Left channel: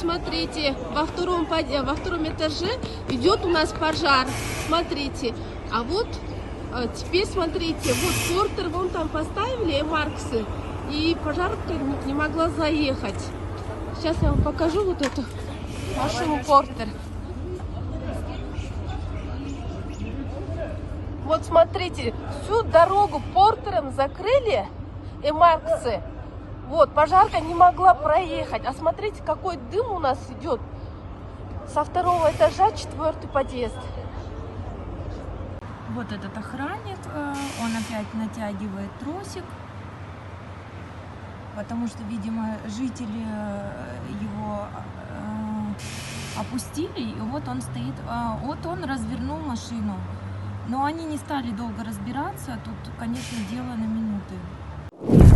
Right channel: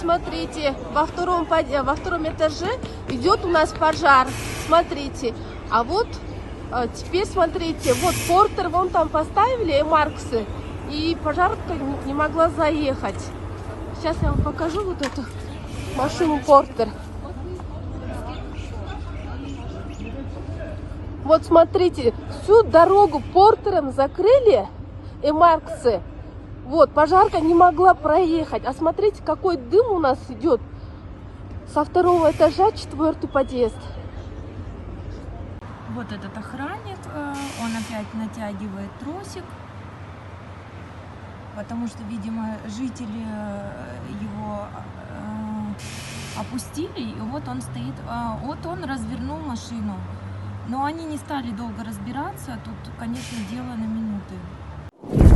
смотрите, во втором этаже идет у нас пожар. Смотрите. А вот теперь смотрите, вот портер вон там поставили, Марксы, и пожарка не могла заехать. Сейчас я вам покажу вот эту машину портер. Вот смотрите, всю дорогу портером закрыли, и Марксы. Вот, пожарка не могла проехать. А смотрите, какой дым у нас идет со второго этажа, 4-й подъезд. Вот этот охранник, он опять натягивает тросик, потому что, видимо, жители его опустили, и вот он стоит, вот он развернул машину. Но они не стали долго разбираться, тут, конечно, дело на минуты.